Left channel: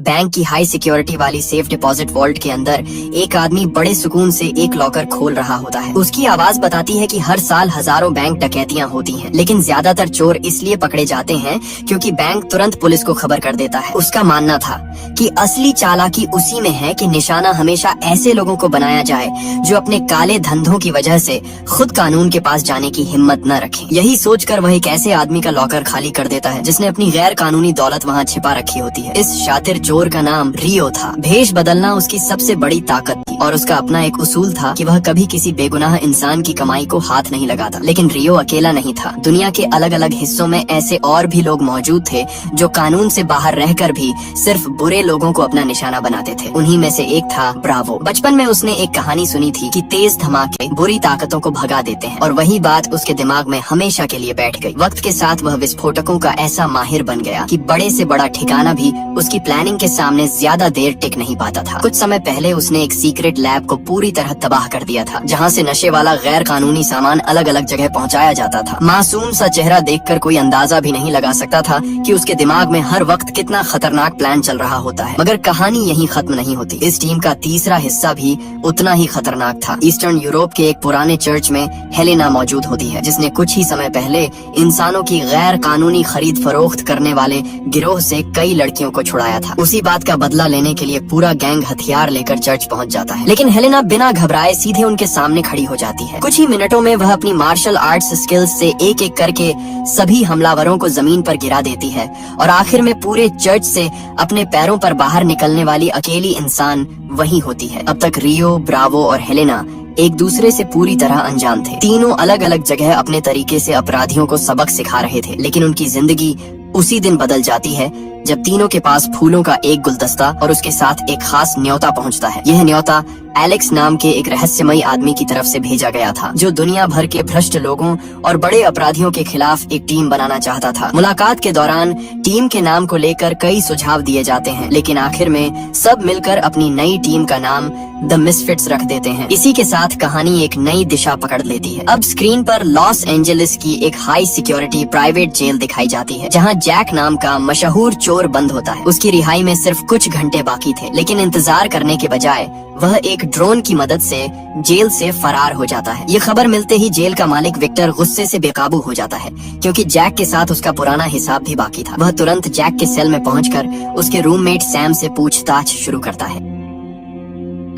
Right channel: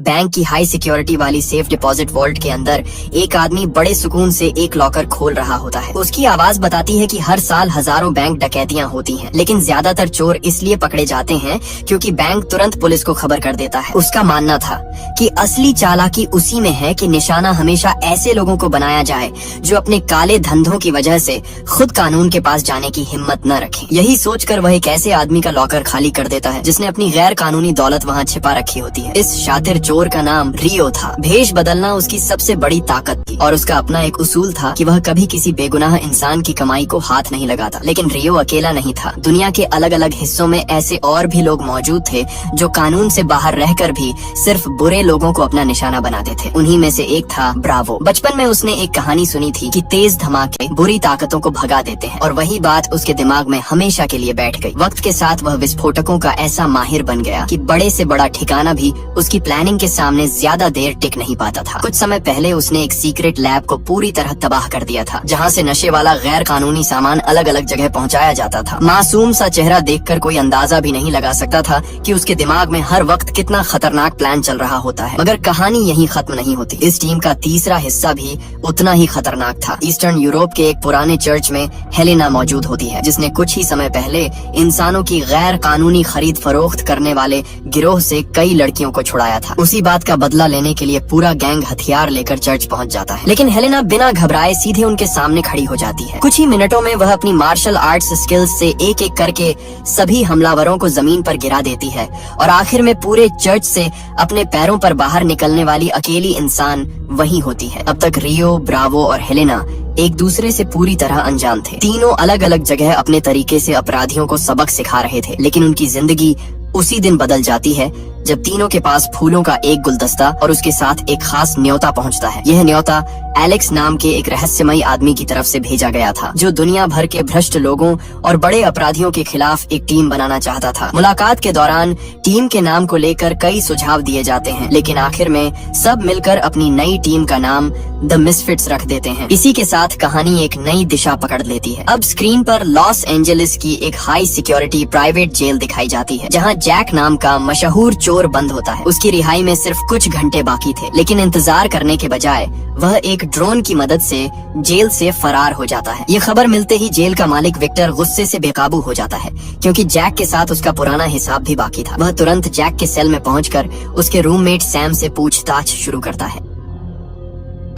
Bank की high security वाली safe deposit vault के अंदर एक आदमी बड़े सुकून से एक लॉकर खोल रहा होता है। उसकी आवाज बताती है कि हर साल हजारों बैंक डकैतियां होती हैं, लेकिन ज्यादातर चोर इसलिए पकड़े जाते हैं क्योंकि बैंक तुरंत पुलिस को खबर कर देता है। उसका मानना था कि असली चालाकी उसी में है कि निशाना हमेशा ऐसे लोगों को बनाया जाए जो अपने काले धंधों की वजह से खुद कानून के पास जाने की हिम्मत न रखें। यही सोचकर वह एक ऐसे आदमी का लॉकर खाली कर देता है जिसने अपनी गैर कानूनी दौलत वहाँ छिपा रखी होती है। इस शातिर चोर का नाम रियो था। भेष बदलना उसकी सबसे बड़ी ताकत थी और उसका अपना एक उसूल था कि वह कभी किसी बेगुनाह इंसान की कमाई को हाथ नहीं लगाता। लेकिन रियो अकेला नहीं था। दुनिया के अलग अलग हिस्सों में ऐसे और भी लोग मौजूद थे जो कानून से बाहर रहकर भी सिर्फ बुरे लोगों को अपना निशाना बनाते थे। उन्हीं में से एक था ब्रावो। बचपन में उसने एक कहानी सुनी थी कि तेज धमाके बुरी ताकतों को भगा देते हैं और वही बात उसके दिमाग में हमेशा के लिए बैठ गई। वक्त के साथ वह विस्फोटकों का ऐसा माहिर बन गया कि बड़े से बड़ा ठिकाना भी उसकी प्लानिंग के सामने ज्यादा देर टिक नहीं पाता था। कुछ समय पहले उसने एक सीक्रेट लैब को पूरी तरह तबाह कर दिया था, जहाँ से नशे वाला गैर कानूनी सामान अलग अलग जगह पहुँचाया जाता था। मासूम सा चेहरा देखकर कोई अंदाजा भी नहीं लगा सकता था कि उसके दिमाग में हर वक्त कितना खतरनाक प्लान चल रहा होता है। मगर कहानी यहीं खत्म नहीं होती। इस टीम का तीसरा हिस्सा भी उतना ही खतरनाक था। ईस्टर्न यूरोप के एक पुराने चर्च में हेलेना मौजूद होती है, जिसने कुछ ही समय पहले इंसानों की गैर कानूनी खरीद फरोख्त करने वाले गिरोह से कई लड़कियों को छुड़ाया था। उसी बात का बदला लेने के लिए पूरा गैंग हथियार लेकर चर्च पहुंच जाता है। लेकिन हेलेना बिना घबराए सीधे उनके सामने खड़ी हो जाती है। कुछ ही मिनटों में वह अपनी मार्शल आर्ट्स स्किल्स से एक एक करके सभी हमलावरों को जमीन पर गिरा देती है और आखिर में पूरे चर्च से अपने पैरों पर बाहर निकलने वाली अकेली इंसान वही होती है। अब तक रियो, ब्रावो और हेलेना एक दूसरे से पूरी तरह अनजान थे। तीनों अलग अलग जगह अपने तरीके से अपराधियों को सबक सिखा रहे थे, लेकिन उनकी जिंदगी उसी दिन बदल जाती है जब तीनों के पास फूलों का एक गुलदस्ता और उसके साथ एक खास न्योता पहुंचता है। यह न्योता एलेक्स नाम के एक रहस्यमयी आदमी की तरफ से भेजा गया था, जो दुनिया भर के भ्रष्ट लोगों और बड़े अपराधियों के खिलाफ एक टीम बनाना चाहता था। मुलाकात के दौरान टीम के नाम को लेकर कई सुझाव दिए जाते हैं, लेकिन आखिर में सब मिलकर अपनी नई टीम का नाम द मिसफिट्स रख देते हैं। इसी के साथ कहानी एक नई दिशा पकड़ लेती है। अब स्क्रीन पर लॉस एंजलिस की एक हाई सिक्योरिटी प्राइवेट जेल दिखाई जाती है, जहां जैक नाम का मशहूर चोर बंद होता है। उसकी रिहाई में सिर्फ कुछ घंटे बाकी थे, लेकिन इंतजार करने के बजाय वह एक ड्रोन की मदद से जेल से फरार हो जाता है। ये खबर मिलते ही जेल का मालिक विक्टर गुस्से से बेकाबू हो जाता है, क्योंकि जैक के साथ उसका पुराना हिसाब भी बाकी था। वह तुरंत जैक के सेल में पहुंचकर उसके रूममेट सैम से पूछताछ शुरू करता है।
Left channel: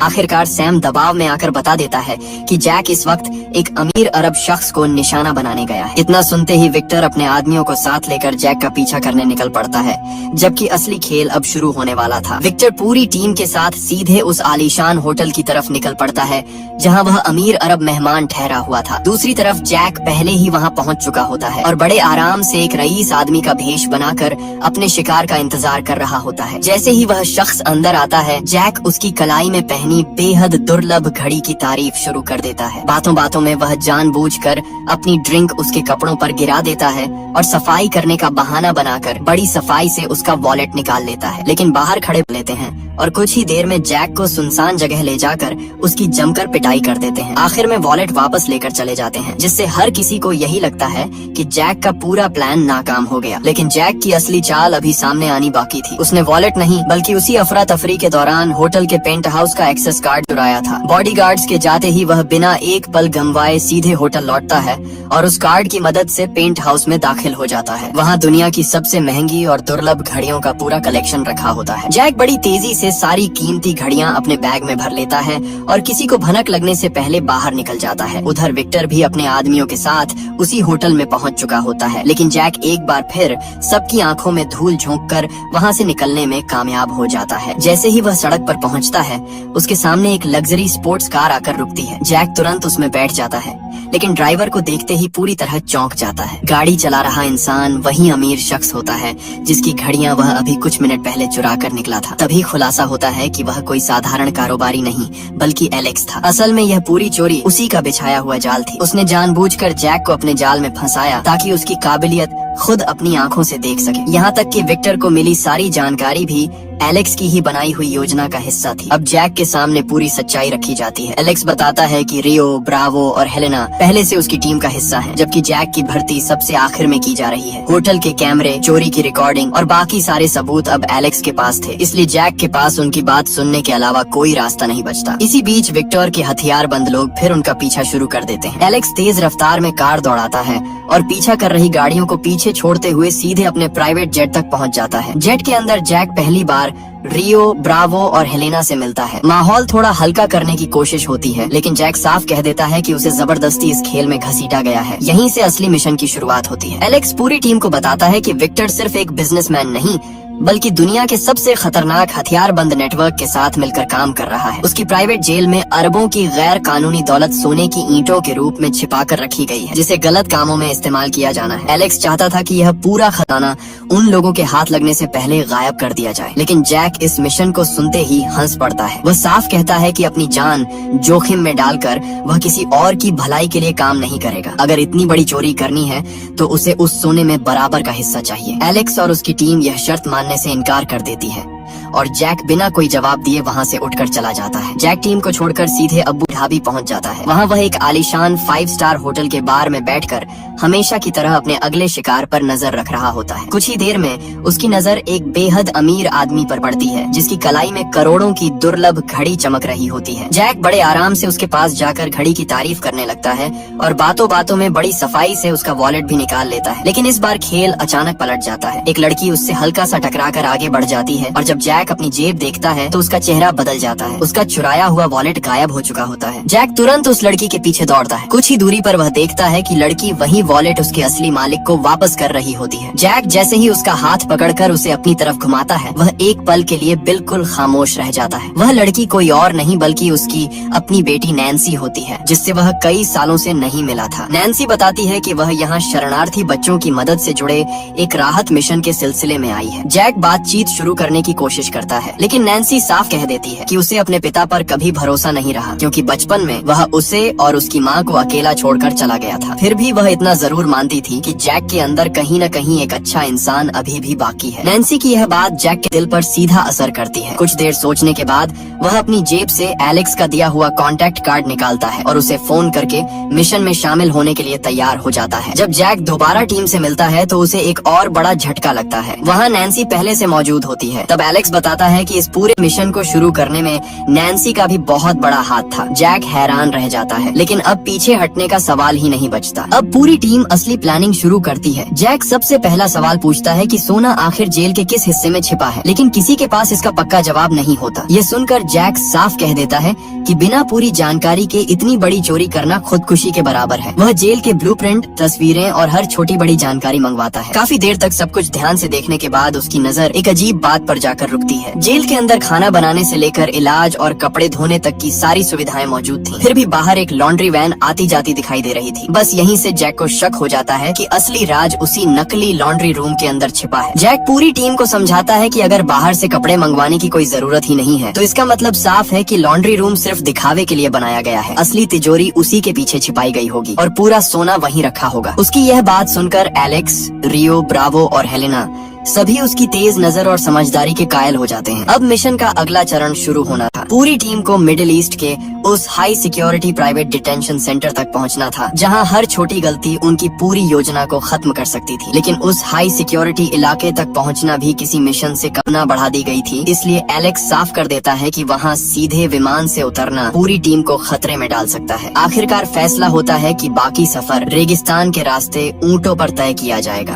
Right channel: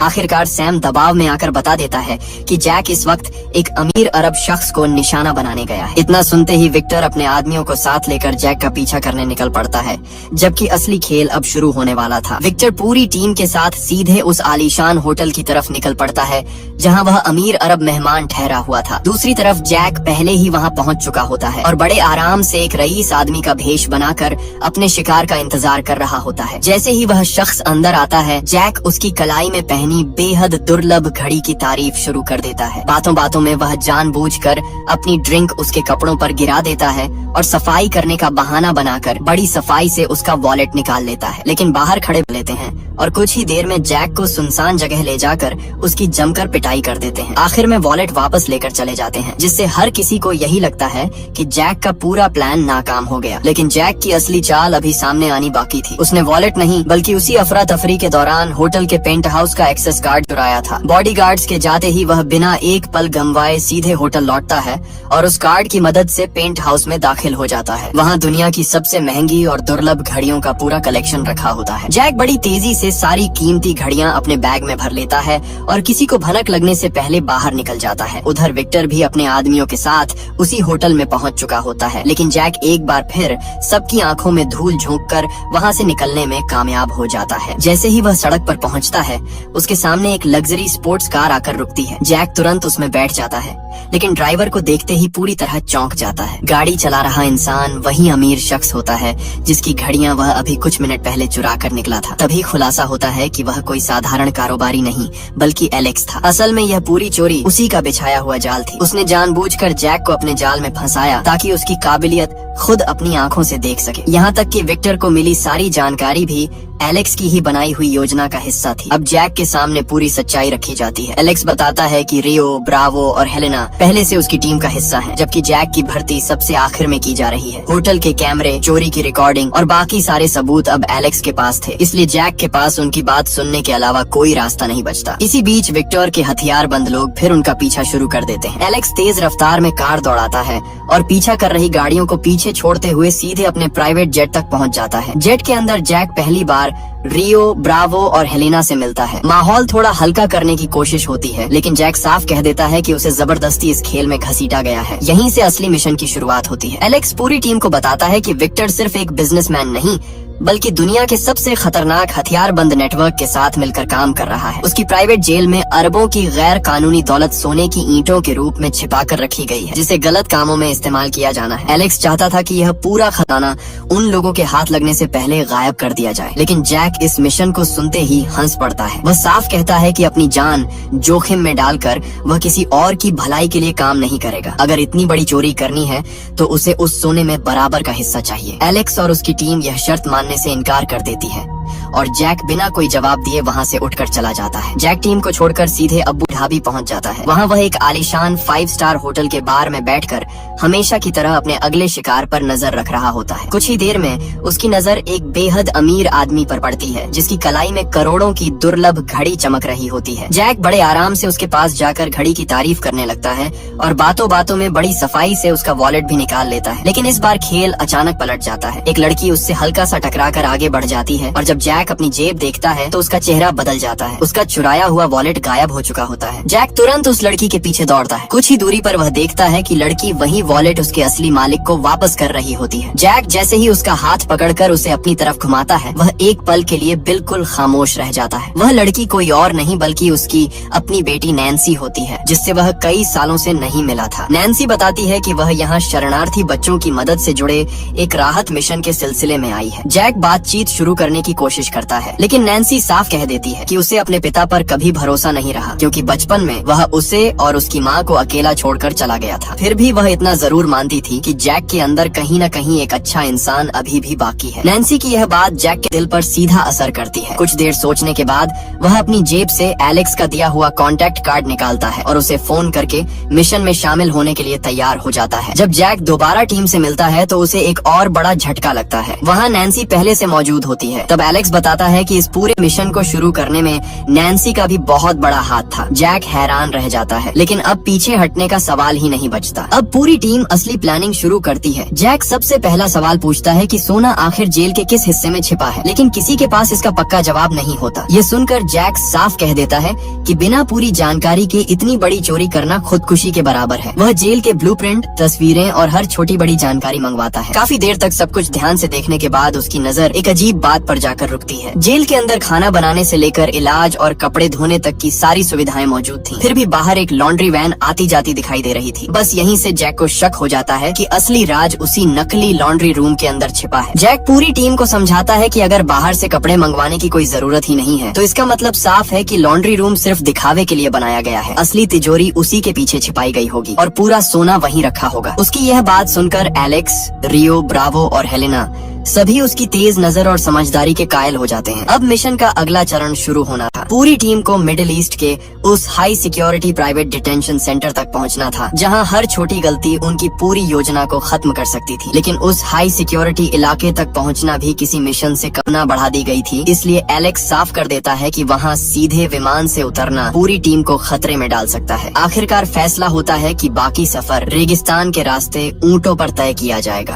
आखिरकार सैम दबाव में आकर बता देता है कि जैक इस वक्त एक अमीर अरब शख्स को निशाना बनाने गया है। इतना सुनते ही विक्टर अपने आदमियों को साथ लेकर जैक का पीछा करने निकल पड़ता है, जबकि असली खेल अब शुरू होने वाला था। विक्टर पूरी टीम के साथ सीधे उस आलीशान होटल की तरफ निकल पड़ता है जहां वह अमीर अरब मेहमान ठहरा हुआ था। दूसरी तरफ जैक पहले ही वहां पहुंच चुका होता है और बड़े आराम से एक रईस आदमी का भेष बनाकर अपने शिकार का इंतजार कर रहा होता है। जैसे ही वह शख्स अंदर आता है, जैक उसकी कलाई में पहनी बेहद दुर्लभ घड़ी की तारीफ शुरू कर देता है। बातों बातों में वह जानबूझकर अपनी ड्रिंक उसके कपड़ों पर गिरा देता है और सफाई करने का बहाना बनाकर बड़ी सफाई से उसका वॉलेट निकाल लेता है। लेकिन बाहर खड़े लेते हैं और कुछ ही देर में जैक को सुनसान जगह ले जाकर उसकी जमकर पिटाई कर देते हैं। आखिर में वॉलेट वापस लेकर चले जाते हैं, जिससे हर किसी को यही लगता है कि जैक का पूरा प्लान नाकाम हो गया। लेकिन जैक की असली चाल अभी सामने आनी बाकी थी। उसने वॉलेट नहीं बल्कि उसी अफरा तफरी के दौरान होटल के पेंट हाउस का एक्सेस कार्ड चुराया था। बॉडीगार्ड्स के जाते ही वह बिना एक पल गंवाए सीधे होटल लौटता है और उस कार्ड की मदद से पेंट हाउस में दाखिल हो जाता है। वहाँ दुनिया की सबसे महंगी और दुर्लभ घड़ियों का पूरा कलेक्शन रखा होता है। जैक बड़ी तेजी से सारी कीमती घड़ियां अपने बैग में भर लेता है और किसी को भनक लगने से पहले बाहर निकल जाता है। उधर विक्टर भी अपने आदमियों के साथ उसी होटल में पहुंच चुका होता है, लेकिन जैक एक बार फिर सबकी आंखों में धूल झोंककर वहां से निकलने में कामयाब हो जाता है। जैसे ही वह सड़क पर पहुंचता है, उसके सामने एक लग्जरी स्पोर्ट्स कार आकर रुकती है। जैक तुरंत उसमें बैठ जाता है, लेकिन ड्राइवर को देखते ही पूरी तरह चौंक जाता है। गाड़ी चला रहा इंसान वही अमीर शख्स होता है जिसकी घड़ियां वह अभी कुछ मिनट पहले चुरा कर निकला था। तभी खुलासा होता है कि वह कोई साधारण कारोबारी नहीं बल्कि एलेक्स था। असल में यह पूरी चोरी उसी का बिछाया हुआ जाल थी। उसने जानबूझकर जैक को अपने जाल में फंसाया ताकि उसकी काबिलियत खुद अपनी आंखों से देख सके। यहाँ तक कि विक्टर को मिली सारी जानकारी भी एलेक्स की ही बनाई हुई योजना का हिस्सा थी। अब जैक के सामने पूरी सच्चाई रखी जाती है। एलेक्स बताता है कि रियो, ब्रावो और हेलेना पहले से उसकी टीम का हिस्सा हैं, जबकि जैक की भर्ती सबसे आखिर में की जा रही है। होटल के कैमरे, चोरी की रिकॉर्डिंग और बाकी सारे सबूत अब एलेक्स के पास थे, इसलिए जैक के पास उनकी बात सुनने के अलावा कोई रास्ता नहीं बचता। इसी बीच विक्टर के हथियारबंद लोग फिर उनका पीछा शुरू कर देते हैं। एलेक्स तेज रफ्तार में कार दौड़ाता है और पीछा कर रही गाड़ियों को पीछे छोड़ते हुए सीधे अपने प्राइवेट जेट तक पहुंच जाता है। जेट के अंदर जैक पहली बार रियो, ब्रावो और हेलेना से मिलता है। माहौल थोड़ा हल्का करने की कोशिश होती है, लेकिन जैक साफ कह देता है कि उसे जबरदस्ती इस खेल में घसीटा गया है। यहीं से असली मिशन की शुरुआत होती है। एलेक्स पूरी टीम को बताता है कि विक्टर सिर्फ एक बिजनेसमैन नहीं, बल्कि दुनिया के सबसे खतरनाक हथियारबंद नेटवर्क के साथ मिलकर काम कर रहा है। उसकी प्राइवेट जेल में अरबों की गैर कानूनी दौलत सोने की ईंटों के रूप में छिपा कर रखी गई है, जिसे गलत कामों में इस्तेमाल किया जाना है। एलेक्स चाहता था कि यह पूरा खजाना उन लोगों के हाथ लगने से पहले गायब कर दिया जाए, लेकिन जैक इस मिशन को सुनते ही हंस पड़ता है। वह साफ कहता है कि अपनी जान जोखिम में डालकर वह किसी और की भलाई के लिए काम नहीं करेगा। अगर इतनी बड़ी चोरी करनी है तो उसे उस सोने में बराबर का हिस्सा चाहिए। एलेक्स और उसकी टीम यह शर्त मानने से इनकार कर देती है और जैक बिना कोई जवाब दिए वहां से उठकर चला जाता है। जैक टीम को छोड़कर सीधे अबू धाबी पहुंच जाता है। वहां वह एक आलीशान 5 स्टार होटल के बार में बैठकर हमेशा की तरह अपने अगले शिकार पर नजर रख रहा होता है। कुछ ही देर में उसकी नजर एक बेहद अमीर आदमी पर पड़ती है, जिसकी कलाई में करोड़ों की दुर्लभ घड़ी चमक रही होती है। जैक बड़े आराम से उसके पास जाकर घड़ी की तारीफ करने लगता है और बातों बातों में बड़ी सफाई से उसका वॉलेट भी निकाल लेता है। लेकिन इस बार खेल अचानक पलट जाता है। एक लड़की उससे हल्का सा टकराकर आगे बढ़ जाती है और जब जैक अपनी जेब देखता है तो उसका चेहरा बदल जाता है। उसका चुराया हुआ वॉलेट गायब हो चुका होता है। जैक तुरंत उस लड़की के पीछे दौड़ता है। कुछ ही दूरी पर वह देखता है कि लड़की वही वॉलेट उसके असली मालिक को वापस कर रही होती है। जैक जैसे ही उसका हाथ पकड़कर उसे अपनी तरफ घुमाता है, वह एक पल के लिए बिल्कुल खामोश रह जाता है। वह लड़की कोई और नहीं बल्कि उसकी अपनी बेटी नैन्सी होती है, जिससे वह कई सालों से नहीं मिला था। नैन्सी बताती है कि वह यहाँ शरणार्थी बच्चों की मदद से जुड़े एक राहत मिशन के सिलसिले में आई है। जैक बातचीत शुरू करने की कोशिश करता है, लेकिन नैन्सी साफ कह देती है कि उसे अपने पिता पर कभी भरोसा नहीं रहा, क्योंकि बचपन में वह उसे और उसकी माँ को अकेला छोड़कर चला गया था। फिर भी वह इतना जरूर मानती थी कि जैक के अंदर कहीं न कहीं एक अच्छा इंसान अभी भी बाकी है। नैन्सी की यह बात जैक के दिल पर सीधा असर करती है। कुछ देर सोचने के बाद वह अपनी जेब से एलेक्स का दिया हुआ कॉन्टैक्ट कार्ड निकालता है और उसे फोन करके मिशन में शामिल होने के लिए तैयार हो जाता है। जब जैक दोबारा टीम से मिलता है तो उसे एक और बड़ा झटका लगता है। वहाँ नैन्सी पहले से मौजूद होती है। तब एलेक्स बताता है कि इस पूरे मिशन को शुरू करने में नैन्सी का भी बहुत बड़ा हाथ था। जैक हैरान रह जाता है, लेकिन अब पीछे हटने का सवाल ही नहीं बचता। अब पूरी टीम असली प्लानिंग शुरू करती है। जैक सबसे पहला सवाल पूछता है कि सोना आखिर जेल के किस हिस्से में छिपा है, लेकिन किसी के पास इसका पक्का जवाब नहीं होता। ये सुनकर जैक साफ कह देता है कि बिना पूरी जानकारी के इतनी बड़ी चोरी करना खुदकुशी के बराबर है। वह जेल के ब्लूप्रिंट, तस्वीरें और हर छोटी बड़ी जानकारी मंगवाता है। काफी देर तक सब कुछ ध्यान से देखने के बाद उसकी नजर एक अजीब बात पर जाकर रुकती है। जेल के अंदर खाना बनाने से लेकर इलाज और कपड़े धोने तक की सारी सुविधाएं मौजूद थी। फिर भी बाहर एक लॉन्ड्री वैन आती जाती दिखाई दे रही थी। बस यहीं से जैक को शक हो जाता है कि असली राज उसी नकली लॉन्ड्री रूम के अंदर छिपा है। जैक पूरी टीम को समझाता है कि अगर बाहर से कपड़े मंगवाने की कोई जरूरत ही नहीं है, तो इसका मतलब साफ है कि लॉन्ड्री रूम सिर्फ दिखावे के लिए बनाया गया है। असली तिजोरी उसी के पीछे छिपाई गई होगी और पूरा सोना वहीं रखा होगा। उसकी यह बात सुनकर एलेक्स, रियो, ब्रावो और हेलेना सभी उसकी तेज नजर और समझदारी के कायल हो जाते हैं। अब मिशन का अगला चरण शुरू होना था। पूरी टीम को मिडिल ईस्ट के उस high security private detention centre तक पहुंचना था, जहां हर छोटी गलती उनकी पूरी योजना को खत्म कर सकती थी। लेकिन उस हाई सिक्योरिटी इलाके तक पहुंचना भी किसी मिशन से कम बढ़ा दी गई थी, इसलिए एलेक्स साफ कर देता है कि वहां सीधे विमान से उतरना पूरी टीम को खतरे में डाल सकता है। आखिरकार फैसला होता है कि बाकी सफर रेगिस्तान के रास्ते ऊंटों पर तय किया जाएगा।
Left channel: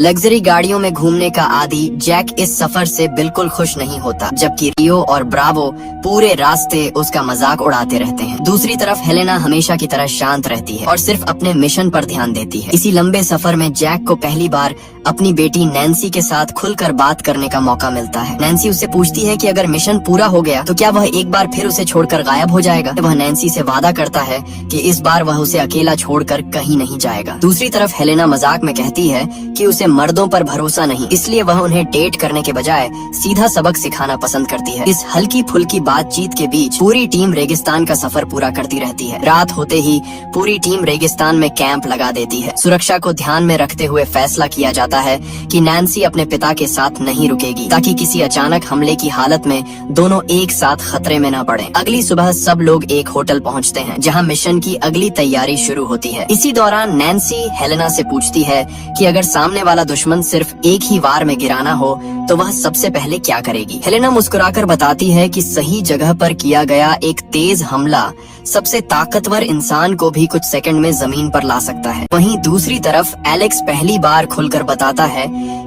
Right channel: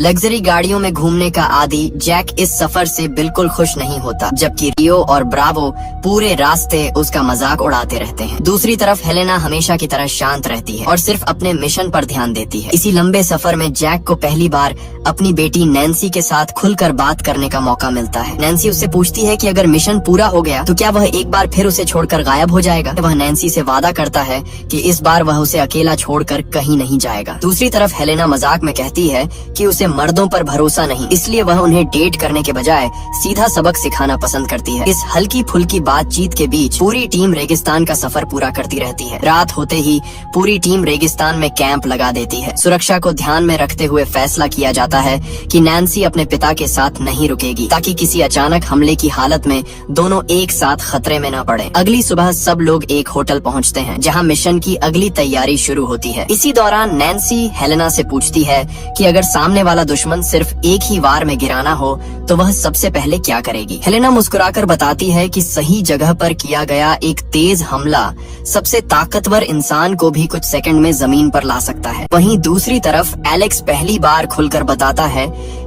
लग्जरी गाड़ियों में घूमने का आदी जैक इस सफर से बिल्कुल खुश नहीं होता, जबकि रियो और ब्रावो पूरे रास्ते उसका मजाक उड़ाते रहते हैं। दूसरी तरफ हेलेना हमेशा की तरह शांत रहती है और सिर्फ अपने मिशन पर ध्यान देती है। इसी लंबे सफर में जैक को पहली बार अपनी बेटी नैन्सी के साथ खुलकर बात करने का मौका मिलता है। नैन्सी उससे पूछती है कि अगर मिशन पूरा हो गया तो क्या वह एक बार फिर उसे छोड़कर गायब हो जाएगा। वह नैन्सी से वादा करता है कि इस बार वह उसे अकेला छोड़कर कहीं नहीं जाएगा। दूसरी तरफ हेलेना मजाक में कहती है कि उसे मर्दों पर भरोसा नहीं, इसलिए वह उन्हें डेट करने के बजाय सीधा सबक सिखाना पसंद करती है। इस हल्की फुल्की बातचीत के बीच पूरी टीम रेगिस्तान का सफर पूरा करती रहती है। रात होते ही पूरी टीम रेगिस्तान में कैंप लगा देती है। सुरक्षा को ध्यान में रखते हुए फैसला किया जाता है कि नैन्सी अपने पिता के साथ नहीं रुकेगी, ताकि किसी अचानक हमले की हालत में दोनों एक साथ खतरे में न पड़े। अगली सुबह सब लोग एक होटल पहुंचते हैं, जहां मिशन की अगली तैयारी शुरू होती है। इसी दौरान नैन्सी हेलेना से पूछती है कि अगर सामने वाला दुश्मन सिर्फ एक ही वार में गिराना हो तो वह सबसे पहले क्या करेगी। हेलेना मुस्कुराकर बताती है कि सही जगह पर किया गया एक तेज हमला सबसे ताकतवर इंसान को भी कुछ सेकंड में जमीन पर ला सकता है। वहीं दूसरी तरफ एलेक्स पहली बार खुलकर बताता है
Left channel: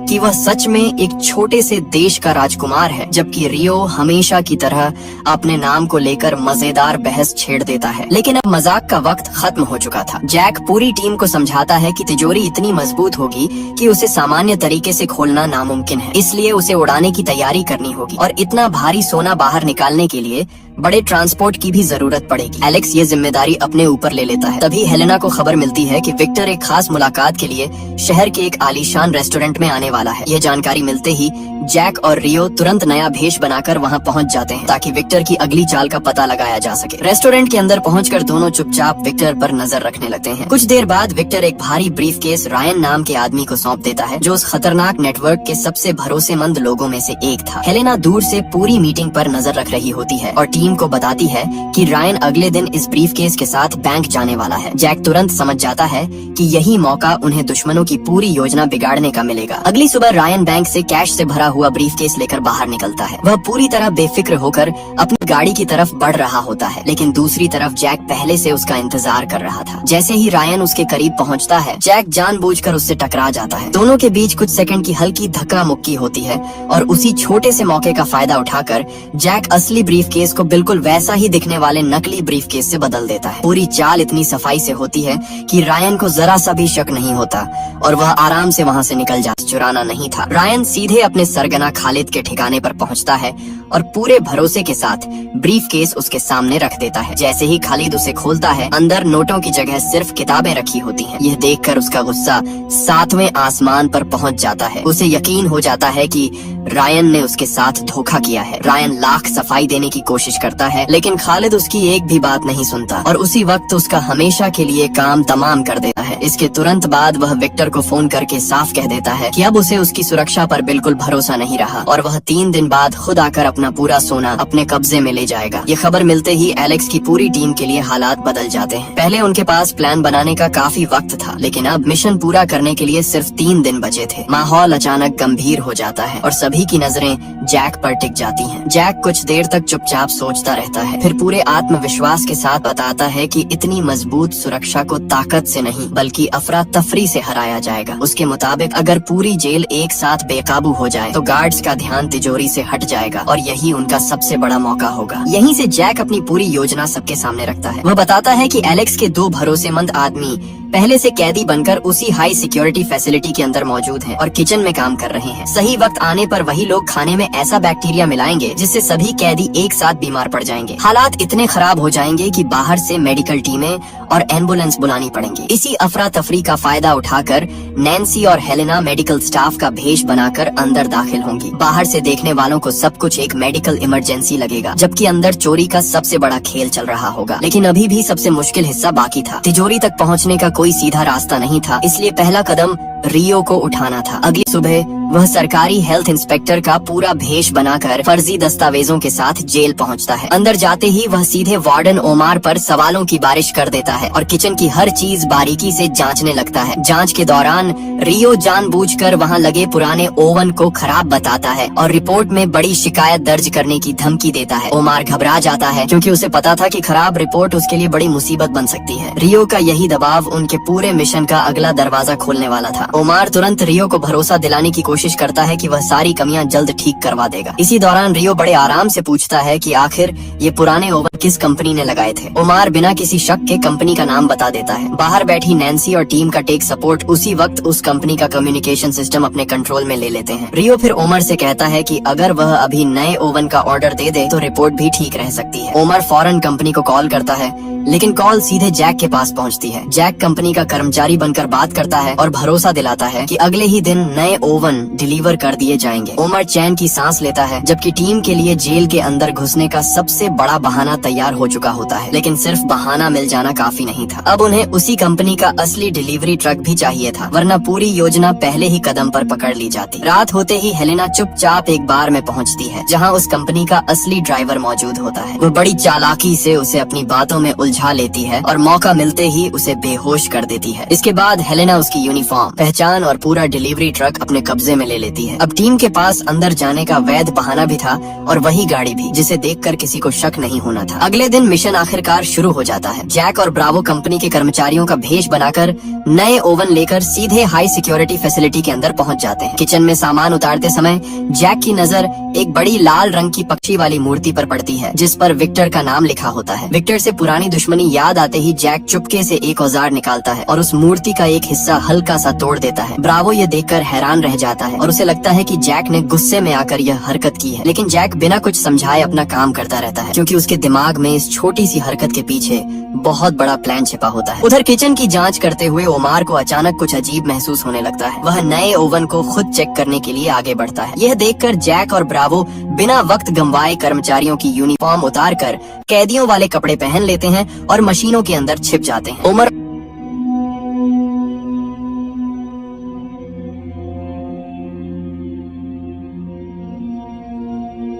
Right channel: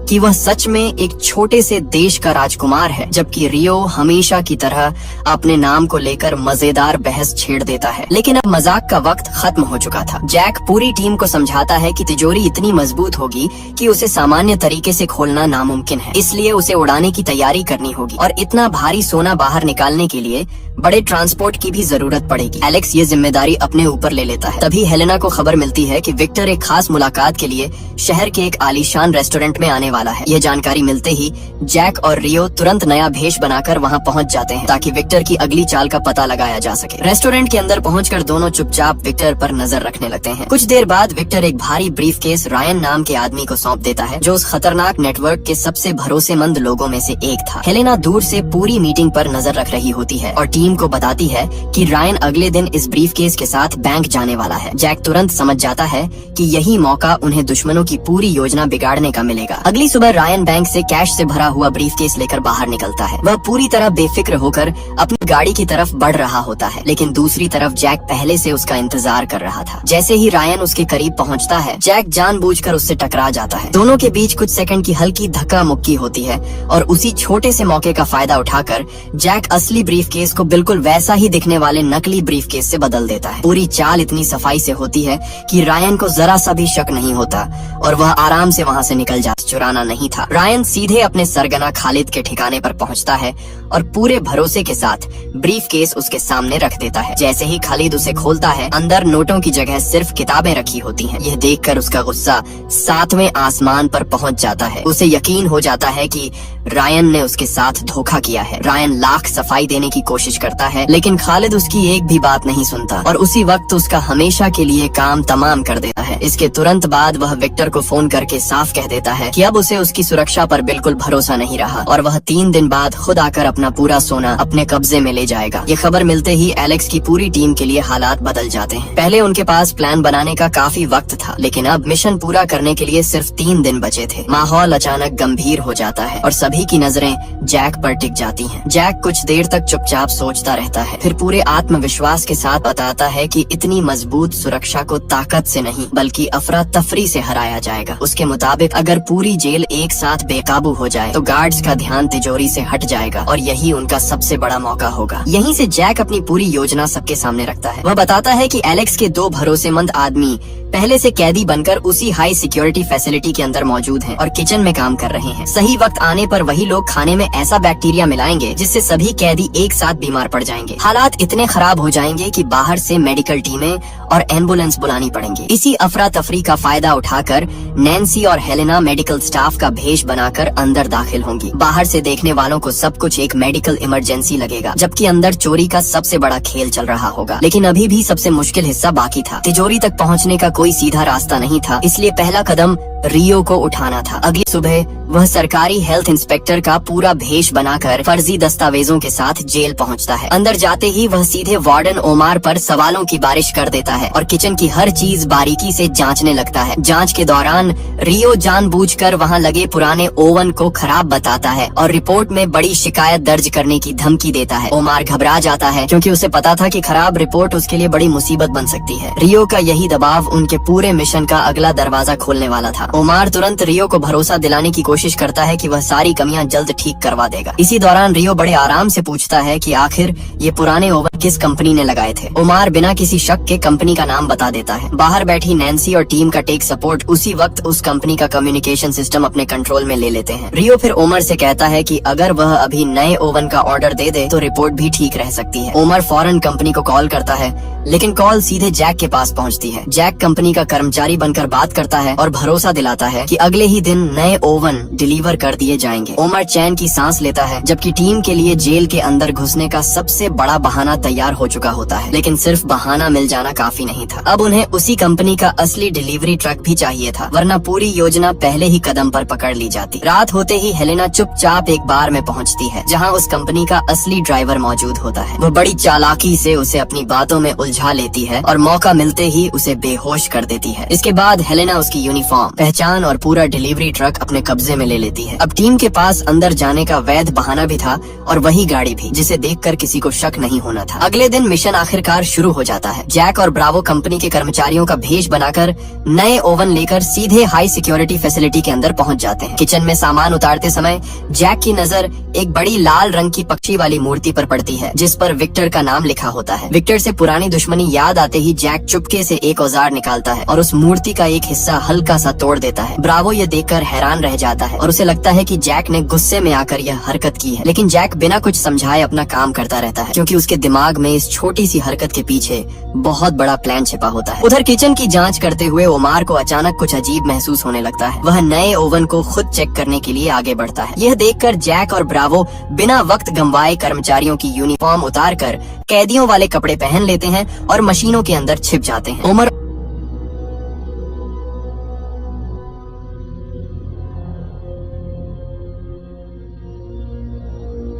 कि वह सच में एक छोटे से देश का राजकुमार है, जबकि रियो हमेशा की तरह अपने नाम को लेकर मजेदार बहस छेड़ देता है। लेकिन अब मजाक का वक्त खत्म हो चुका था। जैक पूरी टीम को समझाता है कि तिजोरी इतनी मजबूत होगी कि उसे सामान्य तरीके से खोलना नामुमकिन है, इसलिए उसे उड़ाने की तैयारी करनी होगी और इतना भारी सोना बाहर निकालने के लिए बड़े ट्रांसपोर्ट की भी जरूरत पड़ेगी। एलेक्स ये जिम्मेदारी अपने ऊपर ले लेता है। तभी हेलेना को खबर मिलती है कि विक्टर एक खास मुलाकात के लिए शहर के एक आलीशान रेस्टोरेंट में आने वाला है। यह जानकारी मिलते ही जैक और रियो तुरंत नया भेष बनाकर वहां पहुंच जाते हैं, ताकि विक्टर की अगली चाल का पता लगाया जा सके। रेस्टोरेंट के अंदर पहुंचकर दोनों चुपचाप विक्टर पर नजर रखने लगते हैं। कुछ देर बाद विक्टर एक भारी ब्रीफकेस रायन नाम के आदमी को सौंप देता है, जो उस खतरनाक नेटवर्क के सबसे भरोसेमंद लोगों में से एक था। हेलेना दूर से पूरी मीटिंग पर नजर रख रही होती है और टीम को बताती है कि रायन अगले दिन इस ब्रीफकेस के साथ बैंक जाने वाला है। जैक तुरंत समझ जाता है कि यही मौका उन्हें दुश्मनों की पूरी योजना बिगाड़ने का मिलेगा। अगली सुबह रायन बैंक से कैश से भरा हुआ ब्रीफकेस लेकर बाहर निकलता है। वह पूरी तरह बेफिक्र होकर अपनी गाड़ी की तरफ बढ़ रहा होता है, लेकिन दूसरी तरफ जैक पहले से उसका इंतजार कर रहा था। जैसे ही रायन उसके करीब पहुंचता है, जैक जानबूझकर उससे टकरा जाता है। दोनों के बीच कुछ सेकंड की हल्की धक्का मुक्की होती है और उसी छोटे से मौके का फायदा उठाकर जैक असली ब्रीफकेस को बिल्कुल वैसा ही दिखने वाले नकली ब्रीफकेस से बदल देता है। पूरी चाल इतनी सफाई से होती है कि रायन को जरा सा भी शक नहीं होता और वह आराम से वहां से निकल जाता। चुराना नहीं था। रायन सीधे अपने सरगना खालिद के ठिकाने पर पहुंचता है और पूरे भरोसे के साथ ब्रीफकेस उसके सामने रख देता है। जैसे ही खालिद उसे खोलता है, अंदर नोटों की जगह सिर्फ किताबें रखी होती हैं। यह देखकर उसका गुस्सा 7वें आसमान पर पहुंच जाता है। उसे यकीन हो जाता है कि रायन ने उसके साथ धोखा किया है। रायन लाख सफाई देने की कोशिश करता है, लेकिन खालिद उसकी एक भी बात नहीं सुनता और उसी वक्त उसका हमेशा के लिए काम तमाम कर देता है। इसके तुरंत बाद वह विक्टर को फोन करके साफ कह देता है कि अब उसे उसकी सुरक्षा पर बिल्कुल भरोसा नहीं रहा और वह 3 दिन बाद खुद आकर अपना पूरा सोना अपने कब्जे में ले जाएगा। ये खबर मिलते ही एलेक्स की पूरी टीम के लिए हालात बदल जाते हैं। पहले उनके पास प्लान बनाने का काफी वक्त था, लेकिन अब मिशन पूरा करने के लिए सिर्फ 3 दिन बचे थे। माहौल अचानक गंभीर हो जाता है और सभी की नजरें जैक पर टिक जाती हैं। जैक कुछ देर तक चुपचाप सोचता रहता है, फिर पूरे आत्मविश्वास के साथ बताता है कि इतनी मजबूत सुरक्षा को ताकत से नहीं बल्कि अफरा तफरी से हराया जाएगा। उसके मुताबिक अगर पूरी जेल एक साथ बेकाबू हो जाए तो गार्ड्स का ध्यान तिजोरी से हट जाएगा और यही उनका सबसे बड़ा मौका होगा। यहीं से जैक अपनी पूरी योजना सबके सामने रखता है। वह बताता है कि एलेक्स के 2 भरोसेमंद आदमी पहले से कैदी बनकर उसी हाई सिक्योरिटी फैसिलिटी के अंदर मौजूद हैं और किचन में काम कर रहे हैं। सही वक्त आने पर वही लोग खाने में ऐसा बैक्टीरिया मिलाएंगे जिससे सभी कैदी एक साथ बीमार पड़ जाएंगे। हालात इतने खराब हो जाएंगे कि बाहर से मेडिकल टीमें और एम्बुलेंस बुलानी पड़ेंगी। इसी अफरा तफरी का फायदा उठाकर नैन्सी और हेलेना मेडिकल स्टाफ का भेष बनाकर अंदर दाखिल होंगी। बाहर से देखने वालों को सब कुछ एक मेडिकल इमरजेंसी लगेगा, जबकि अंदर चोरी का सबसे बड़ा खेल चल रहा होगा। लेकिन अभी भी सबसे मुश्किल हिस्सा बाकी था। तिजोरी तक पहुंचने का कोई सीधा रास्ता नहीं था, इसलिए पहला कदम रियो को उठाना था। अगली सुबह वह सरकारी हेल्थ इंस्पेक्टर का पूरा भेष बनाकर फर्जी दस्तावेजों के साथ जेल पहुंचता है। अंदर जाते ही वह सीधे वार्डन ओमार पर सवालों की बारिश कर देता है और किचन की हर चीज बारीकी से जांचने लगता है। जांच के दौरान रियो जानबूझकर वहां लगे पुराने ओवन को खराब बताता है और रिपोर्ट में बड़ी शिकायत दर्ज करने की धमकी देता है। ओमार घबरा जाता है क्योंकि उसे पता था कि खराब रिपोर्ट उसके लिए बड़ी मुसीबत बन सकती है। रियो का यही दबाव उनके पूरे मिशन का अगला दरवाजा खोलने वाला था। ओमार तुरंत रियो को भरोसा दिलाने की कोशिश करता है कि वह सारी कमियां जल्द ठीक करवा देगा। इसी दौरान रियो बड़े आराम से पूछता है कि आखिर ये पुराने ओवन किस कंपनी ने लगाए थे। ओमार बिना किसी शक के कंपनी का नाम बता देता है। बाहर बैठी नैन्सी और टीम का टेक सपोर्ट उसी वक्त उस कंपनी का कम्युनिकेशन सिस्टम अपने कंट्रोल में ले लेते हैं। रियो फिर ओमर से कहता है कि अगर वह अभी नए ओवन का ऑर्डर दे दे तो रिपोर्ट भी ठीक रह सकती है। ओमर फौरन कंपनी को कॉल करता है लेकिन कॉल सीधे जैक के पास पहुंचती है। जैक कंपनी का कर्मचारी बनकर बात करता है और भरोसा दिलाता है कि अगले ही दिन नए ओवन डिलीवर कर दिए जाएंगे। ओमर चैन की सांस लेता है, जबकि टीम के लिए जेल के अंदर घुसने का सबसे बड़ा बहाना तैयार हो चुका होता है। लेकिन सिर्फ बहाना मिल जाना काफी नहीं था। अब उन्हें उसी कंपनी का असली डिलीवरी ट्रक भी चाहिए था, वरना पूरी योजना पहले ही कदम पर पकड़ ली जाती। रात होते ही हेलेना चुपचाप एक बार में पहुंचती है, जहां उस कंपनी का असली ड्राइवर मौजूद होता है। वो बड़ी चालाकी से उसे अपनी बातों में उलझा लेती है और मौका मिलते ही उसे बेहोश कर देती है। इसके बाद हेलेना उसकी यूनिफॉर्म, पहचान और पूरा डिलीवरी ट्रक अपने कब्जे में ले लेती है। अब टीम के पास अंदर जाने का वैध बहाना भी था और वही गाड़ी भी, जिसे देखकर किसी को शक नहीं होना था। अगले दिन मिशन आखिरकार शुरू हो जाता है। जैक और ब्रावो कंपनी के कर्मचारियों का भेष बनाकर नए ओवन लेकर सीधे हाई सिक्योरिटी फैसिलिटी के अंदर पहुंच जाते हैं। किचन में सामान उतारते समय जैक की नजर एक बड़ी लाल रंग की पक्षी वाली मूर्ति पर पड़ती है, जिस पर विक्टर का नाम लिखा होता है। विक्टर से पुरानी दुश्मनी याद आते ही जैक चुपके से एक औजार निकालता है और उस मूर्ति का एक हिस्सा हल्का सा तोड़ देता है। ब्रावो ये देखकर हैरान रह जाता है और उसे लगता है कि जैक ने गुस्से में आकर यह हरकत की है। लेकिन जैक बिना कुछ समझाए अपना काम करता रहता है, क्योंकि उसके दिमाग में इस छोटी सी हरकत के पीछे बहुत बड़ा प्लान छिपा होता है। उधर किचन की जांच करते हुए ओमार को अचानक कुछ अजीब महसूस होने लगता है। वह नए ओवन को खुद चेक करने के लिए आगे बढ़ता है। यह देखकर जैक और ब्रावो बिना वक्त गंवाए कर्मचारियों की यूनिफॉर्म उतारकर कैदियों वाले कपड़े पहन लेते हैं और मशीनों के अंदर छिप जाते हैं। ओमर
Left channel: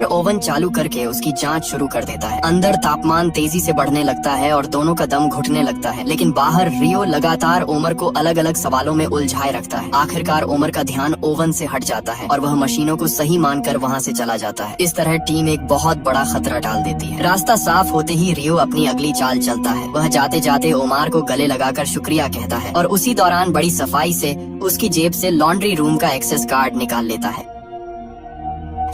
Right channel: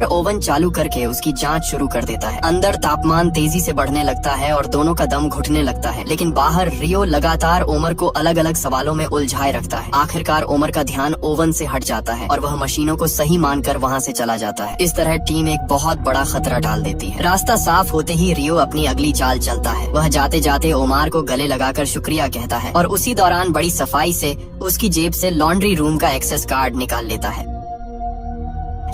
ओवन चालू करके उसकी जांच शुरू कर देता है। अंदर तापमान तेजी से बढ़ने लगता है और दोनों का दम घुटने लगता है। लेकिन बाहर रियो लगातार ओमर को अलग अलग सवालों में उलझाए रखता है। आखिरकार ओमर का ध्यान ओवन से हट जाता है और वह मशीनों को सही मानकर वहां से चला जाता है। इस तरह टीम एक बहुत बड़ा खतरा डाल देती है। रास्ता साफ होते ही रियो अपनी अगली चाल चलता है। वह जाते जाते ओमार को गले लगाकर शुक्रिया कहता है और उसी दौरान बड़ी सफाई से उसकी जेब से लॉन्ड्री रूम का एक्सेस कार्ड निकाल लेता है।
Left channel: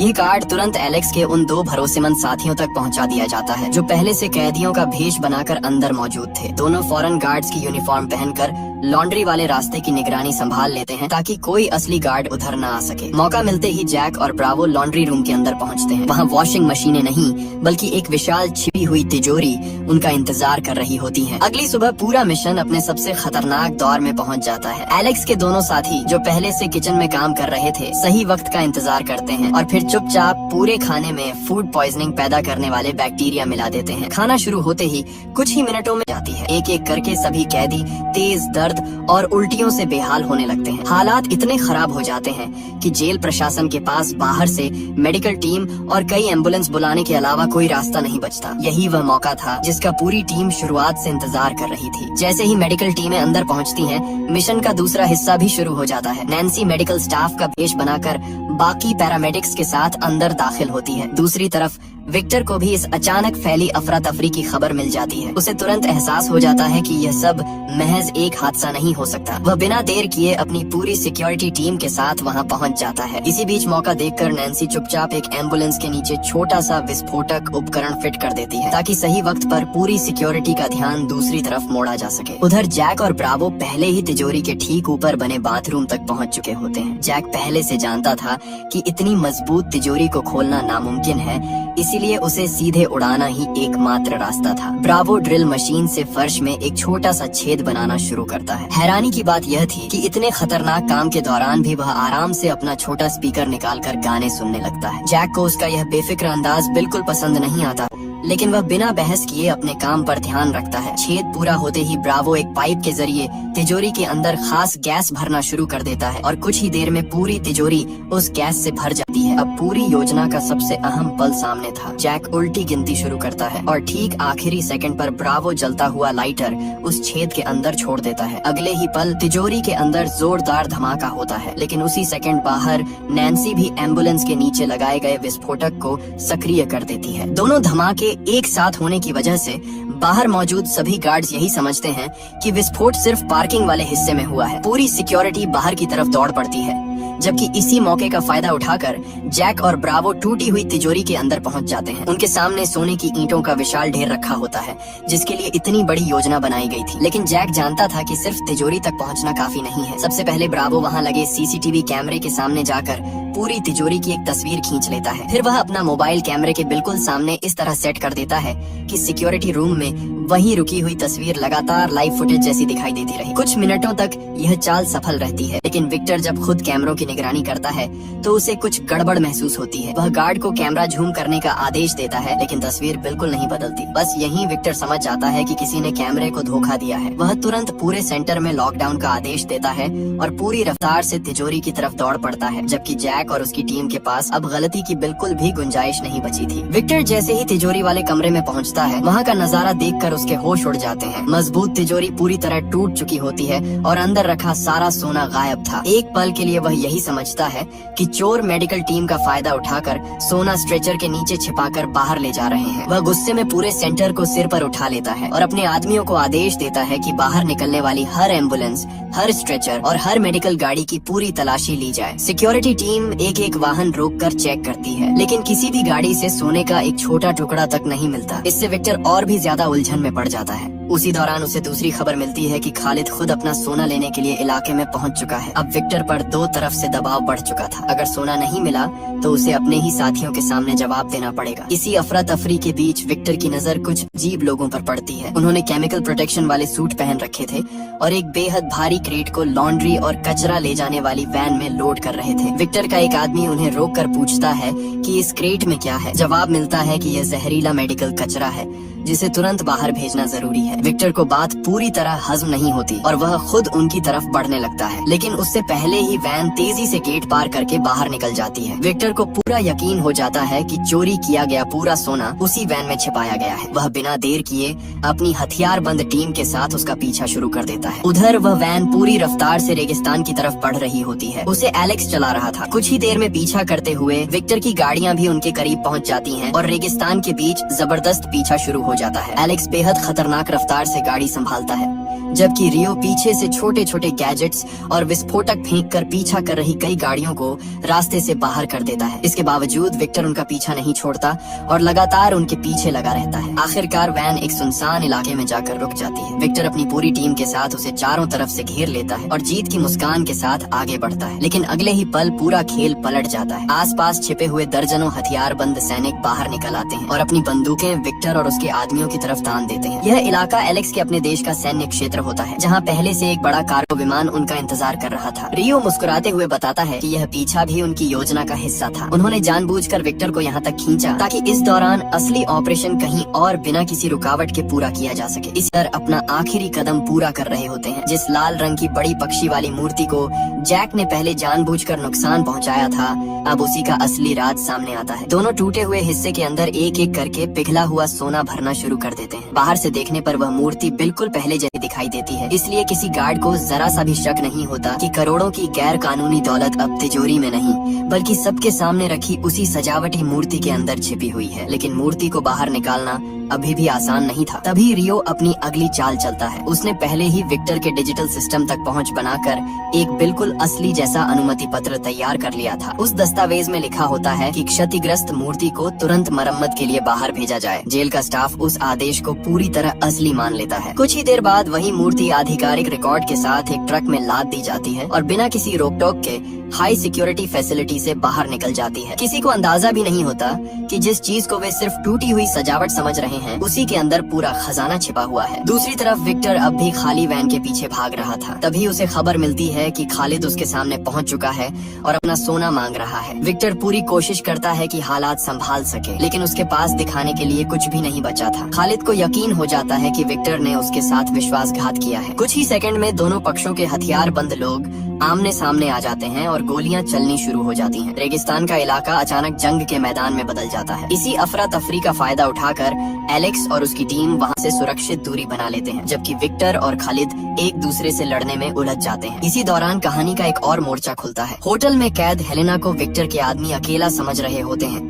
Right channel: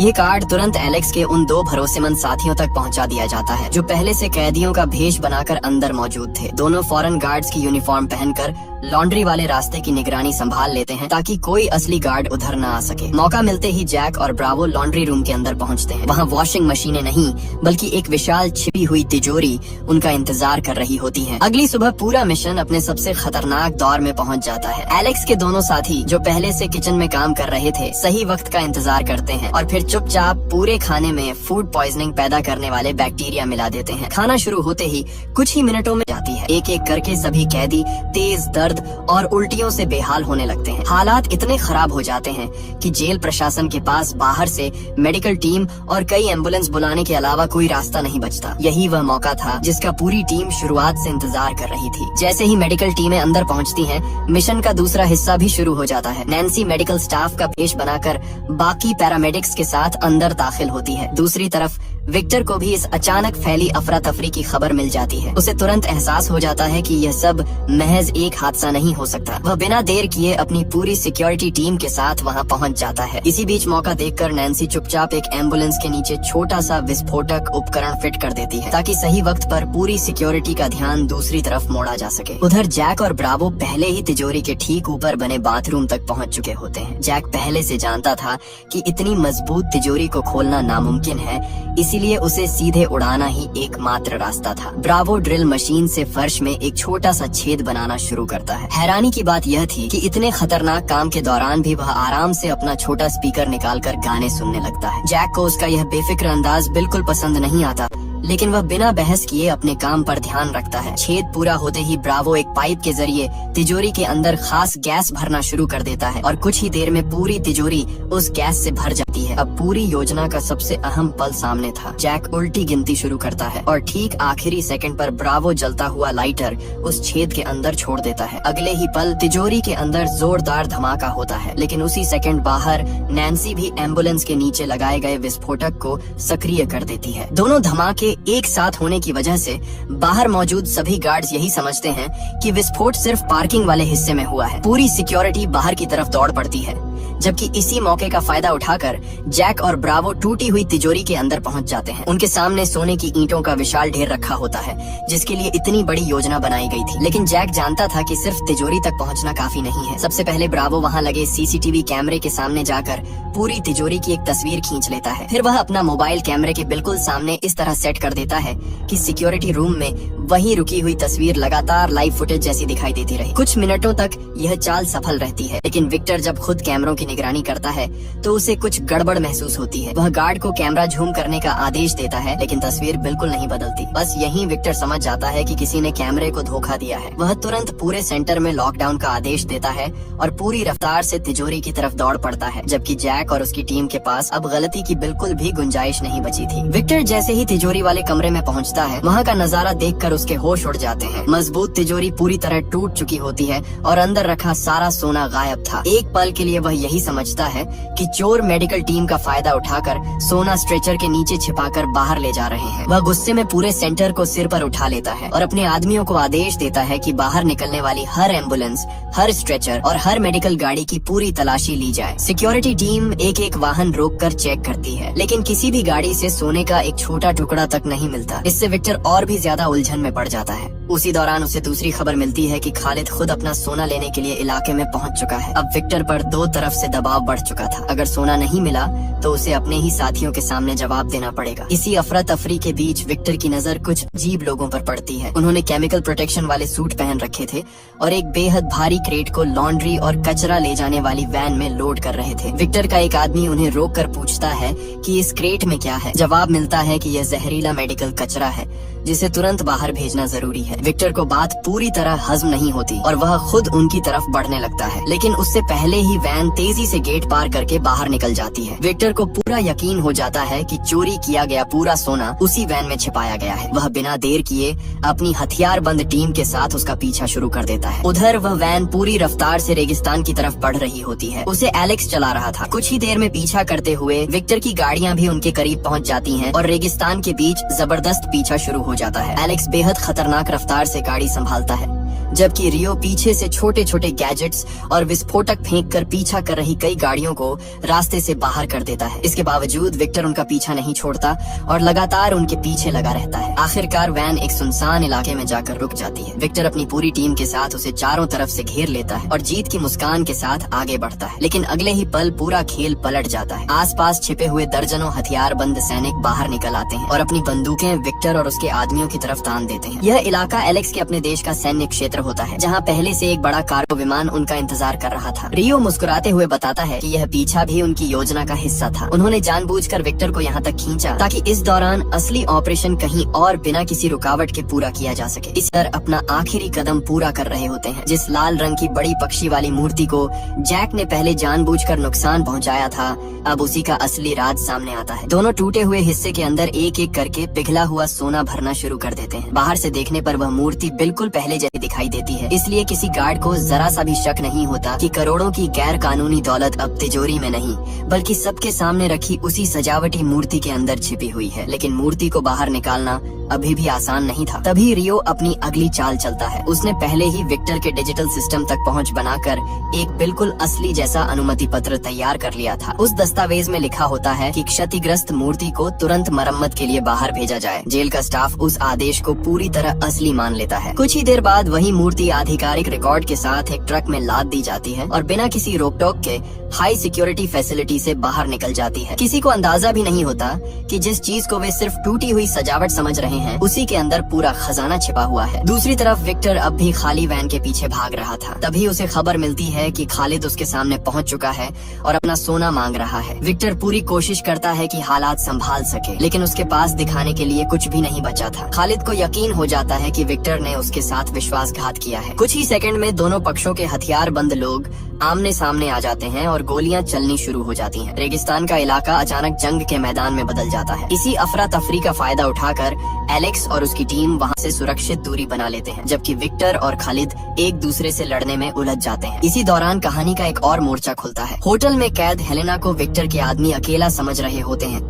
ये कार्ड तुरंत एलेक्स के उन दो भरोसेमंद साथियों तक पहुंचा दिया जाता है, जो पहले से कैदियों का भेष बनाकर अंदर मौजूद थे। दोनों फॉरेन गार्ड्स की यूनिफॉर्म पहनकर लॉन्ड्री वाले रास्ते की निगरानी संभाल लेते हैं, ताकि कोई असली गार्ड उधर न आ सके। मौका मिलते ही जैक और ब्रावो लॉन्ड्री रूम के अंदर पहुंचते हैं। वहां वॉशिंग मशीनें नहीं, बल्कि एक विशाल छिपी हुई तिजोरी उनका इंतजार कर रही होती है। अगली सुबह पूरा मिशन अपने सबसे खतरनाक दौर में पहुंच जाता है। एलेक्स के दोनों साथी, जो पहले से किचन में काम कर रहे थे, सही वक्त का इंतजार करते हैं और फिर चुपचाप पूरे खाने में फूड पॉइजनिंग पैदा करने वाले बैक्टीरिया मिला देते हैं। खाना शुरू होते ही कुछ ही मिनटों में जाती है। एक एक करके सभी कैदी तेज दर्द और उल्टियों से बेहाल होने लगते हैं। हालात इतने खराब हो जाते हैं कि जेल प्रशासन के पास बाहर से मेडिकल टीम और कई एम्बुलेंस बुलाने के अलावा कोई रास्ता नहीं बचता। यही वह मौका था जिसका पूरी टीम शुरुआत से इंतजार कर रही थी। जैसे ही मेडिकल टीमें अंदर पहुंचती हैं, मिशन का दूसरा हिस्सा भी शुरू हो जाता है। नैन्सी मेडिकल स्टाफ का भेष बनाकर बाकी पैरामेडिक्स के साथ अंदर दाखिल होती है। दूसरी तरफ विक्टर को भी इस अचानक फैली अफरा तफरी की खबर मिल जाती है। उसे तुरंत एहसास हो जाता है कि यह सब महज एक हादसा नहीं हो सकता। वह बिना देर किए अपनी पूरी सिक्योरिटी टीम के साथ वहां पहुंच जाता है। इसी बीच मौका देखकर नैन्सी चुपचाप एक एम्बुलेंस के नीचे छोटा सा विस्फोटक उपकरण फिट कर देती है, ताकि सही वक्त पर पूरी सिक्योरिटी का ध्यान दूसरी तरफ मोड़ा जा सके। उधर जैक और ब्रावो पहले ही तिजोरी के ठीक ऊपर बने बाथरूम तक पहुँच चुके होते हैं। जैक पहले से जानता था कि इतनी मजबूत तिजोरी को खोलना नामुमकिन है, इसीलिए उसे सीधे उड़ाना ही एकमात्र रास्ता था। ब्रावो ड्रिल मशीन से फर्श में एक छोटा सा छेद बनाना शुरू करता है। हैरानी की बात यह थी कि इतने खतरनाक काम के दौरान भी वह आराम से अपना छोटा स्पीकर निकालकर गाने सुनने लगता है। जैक को उसका यह बेफिक्र अंदाज बिल्कुल पसंद नहीं आता, लेकिन वह बिना बहस किए अपने काम पर ध्यान रखता है। छेद पूरा होते ही ब्रावो एक पाइप के जरिए तिजोरी के अंदर खास गैस भरना शुरू कर देता है और कुछ ही देर में पूरी तिजोरी उस गैस से भर जाती है। अब पूरी योजना का सबसे अहम पल सामने था। जैक उल्टी गिनती शुरू करता है और ठीक आखिरी सेकंड पर ब्रावो जलता हुआ लाइटर उस छेद के अंदर छोड़ देता है। अगले ही पल तिजोरी के अंदर जोरदार धमाका होता है, लेकिन उसी सेकंड बाहर नैन्सी भी एम्बुलेंस के नीचे लगाए गए विस्फोटक को सक्रिय कर देती है। दोनों धमाके एक साथ होने की वजह से बाहर मौजूद सभी गार्ड्स यही समझते हैं कि विस्फोट सिर्फ पार्किंग वाले हिस्से में हुआ है। पूरी सिक्योरिटी बाहर की तरफ दौड़ पड़ती है, जबकि इसी मौके का फायदा उठाकर जैक और ब्रावो टूटी हुई तिजोरी के अंदर पहुंच जाते हैं। उनके सामने सोने की ईंटों का विशाल ढेर रखा होता है, जिसके लिए इतनी बड़ी योजना बनाई गई थी। लेकिन जैक जानता था कि सिर्फ तिजोरी तक पहुंचना काफी नहीं है। सबसे पहले ब्रावो वहां लगे सीसीटीवी कैमरे के सामने जाकर पूरी तिजोरी की एक तस्वीर खींच लेता है। फिर वह अपना मोबाइल कैमरे के बिल्कुल सामने इस तरह सेट कर देता है कि सिक्योरिटी रूम में वही रुकी हुई तस्वीर लगातार लाइव फुटेज जैसी दिखाई देती रही। कुछ मिनटों तक यह चाल सफल रहती है, लेकिन विक्टर जब खुद कैमरों की निगरानी करता है तो उसे कुछ गड़बड़ महसूस होती है। वह गार्ड को कैमरा झूम करने का आदेश देता है, लेकिन तस्वीर बिल्कुल नहीं बदलती। बस यहीं विक्टर समझ जाता है कि किसी ने कैमरे को धोखा दिया है। वह तुरंत पूरे सेंटर में लॉकडाउन का आदेश देता है और पूरी रफ्तार से तिजोरी की तरफ दौड़ पड़ता है, जबकि जैक और उसकी टीम के पास अब गलती की बिल्कुल भी गुंजाइश नहीं बची थी। विक्टर जैसे ही तिजोरी वाले कमरे में पहुंचता है, वहां का नजारा देखकर उसके होश उड़ जाते हैं। मजबूत तिजोरी पूरी तरह टूट चुकी होती है और अंदर रखा सारा सोना गायब था। एक पल के लिए वह यही समझता है कि चोर मेडिकल टीम का फायदा उठाकर सोना स्ट्रेचर के नीचे छिपाकर बाहर ले जा रहे हैं। वह गुस्से में पूरे सेंटर को सिर पर उठा लेता है और अपने आदमियों को आदेश देता है कि बाहर निकलने वाली हर एम्बुलेंस, हर स्ट्रेचर और हर मेडिकल गाड़ी की पूरी तलाशी ली जाए। सिक्योरिटी टीम एक एक वाहन रोककर चेक करती है, लेकिन किसी भी गाड़ी से सोने का एक छोटा टुकड़ा तक नहीं मिलता। इससे विक्टर और भी ज्यादा उलझन में पड़ जाता है। उसी दौरान उसे दूसरी खबर मिलती है कि खालिद खुद अपना सोना लेने के लिए इलाके में पहुंच चुका है। अब विक्टर पर दो तरफ से दबाव बढ़ चुका था। अगर सोना नहीं मिला तो उसे अपने ही साथियों के सामने जवाब देना पड़ेगा। इसी अफरा तफरी के बीच विक्टर की नजर कुछ अजीब लोगों पर पड़ती है। उन्होंने केमिकल प्रोटेक्शन वाले सूट पहन रखे थे और एक बेहद भारी क्रेट को लॉन्ड्री और कचरा ले जाने वाली वैन में लोड कर रहे थे। विक्टर का एक आदमी उन्हें रोक कर पूछता है कि इस क्रेट में क्या है। जवाब मिलता है कि यह जहरीला मेडिकल कचरा है जिसे तुरंत बाहर भेजना जरूरी है। विक्टर को बात पूरी तरह हजम नहीं होती और वह खुद उनकी तरफ बढ़ने लगता है, लेकिन उससे पहले ही वैन तेजी से गेट पार करके बाहर निकल जाती है। विक्टर को पूरा यकीन हो जाता है कि चोरी किया गया पूरा सोना उसी वैन में छिपाया गया है। वह बिना देर किए अपनी हथियार बंद टीम के साथ उसका पीछा शुरू कर देता है। उधर वह वैन पूरी रफ्तार से रेगिस्तान की तरफ बढ़ रही होती है। उसे एलेक्स चला रहा था। कुछ ही देर में पीछा करते हुए विक्टर की गाड़ियां भी उनके करीब पहुंच जाती हैं और रेगिस्तान के बीच जबरदस्त पीछा शुरू हो जाता है। एलेक्स बेहद खतरनाक रफ्तार से गाड़ी संभालता है, जबकि रियो पीछे से छोटे छोटे गैजेट्स और विस्फोटक फेंककर पीछा कर रही कई गाड़ियों को रास्ते से बाहर कर देता है। इसके बावजूद विक्टर उनका पीछा नहीं छोड़ता और लगातार उनके पीछे लगा रहता है। आखिरकार वैन एक सुनसान इलाके में जाकर रुक जाती है। विक्टर अपनी पूरी टीम के साथ उसे चारों तरफ से घेर लेता है और जीत की मुस्कान के साथ आगे बढ़ता है, लेकिन अगले ही पल पूरा खेल पलट जाता है। आसपास छिपे हुए दर्जनों हथियारबंद सैनिक बाहर निकल आते हैं और अपनी बंदूकें विक्टर और उसके आदमियों की तरफ तान देते हैं। यह इलाका एलेक्स के अपने देश का सैन्य क्षेत्र होता है, जहां पहले से एक बड़ा कार्गो विमान उनका इंतजार कर रहा था। रियो मुस्कुराते हुए बताता है कि यह पीछा भी उनकी योजना का हिस्सा था। उन्होंने जानबूझकर विक्टर को यहाँ तक खींचा ताकि इस दौरान असली ऑपरेशन कहीं और बिना किसी रुकावट के पूरा किया जा सके। इस तरह अपना आखिरी कदम पूरा कर रहे होते हैं। जिस लाल रंग की बड़ी पक्षी वाली मूर्ति को जैक ने पहले जानबूझकर नुकसान पहुँचाया था, अब उसी का असली राज सामने आता है। दोनों टूटे हुए हिस्से के अंदर एक एक करके पिघला हुआ सोना भरना शुरू कर देते हैं। बाहर से देखने पर वह मूर्ति बिल्कुल पहले जैसी दिखाई देती है, इसलिए किसी गार्ड को जरा सा भी शक नहीं होता कि करोड़ों की गैर कानूनी दौलत अब तिजोरी में नहीं बल्कि सबके सामने रखी उसी सजावटी मूर्ति के अंदर छिपी हुई है। लेकिन मूर्ति को बाहर निकालना अभी भी आसान नहीं था। तभी रियो अपनी अगली चाल चलता है। उसने पहले ही विक्टर के डिजिटल सिस्टम तक पहुंच बनाकर एक बिल्कुल असली जैसा अनुमति पत्र तैयार कर लिया था। उस दस्तावेज में लिखा होता है कि क्षतिग्रस्त मूर्ति को तुरंत मरम्मत के लिए बाहर भेजा जाए। जेल का स्टाफ उस आदेश को पूरी तरह असली मान लेता है। कुछ ही देर बाद वही मूर्ति आधिकारिक रिकॉर्ड के साथ एक ट्रक में लाद दी जाती है और बिना किसी रोक टोक के हाई सिक्योरिटी फैसिलिटी से बाहर निकल जाती है। किसी को अंदाजा भी नहीं होता कि जिस चीज को वे सिर्फ टूटी हुई सजावट समझ रहे हैं, उसी के अंदर पूरा खजाना छिपा हुआ है। दूसरी तरफ विक्टर अब भी खाली वैन के पीछे भाग रहा था। तभी उसे खबर मिलती है कि खालिद उसके सामने पहुंच चुका है और अपना सोना मांग रहा है। विक्टर पूरी कोशिश करता है कि हालात संभाल सके, लेकिन उसके पास दिखाने के लिए कुछ भी नहीं बचा था। खालिद को यकीन हो जाता है कि विक्टर ने उसके साथ विश्वासघात किया है। कुछ ही सेकंड में दोनों पक्षों के हथियार बंद लोग आमने सामने आ जाते हैं और गोलियां चलनी शुरू हो जाती हैं। रेगिस्तान का इलाका अचानक जंग के मैदान में बदल जाता है। इसी अफरा तफरी का फायदा उठाकर एलेक्स और उसकी टीम वहां से सुरक्षित दूरी बना लेते हैं, जबकि विक्टर और खालिद एक दूसरे से लड़ने में उलझ जाते हैं। इसी दौरान कहानी का एक और मोर्चा खुलता है। होटल में कैद हेलेना को विक्टर के आदमी अकेला समझ रहे होते हैं,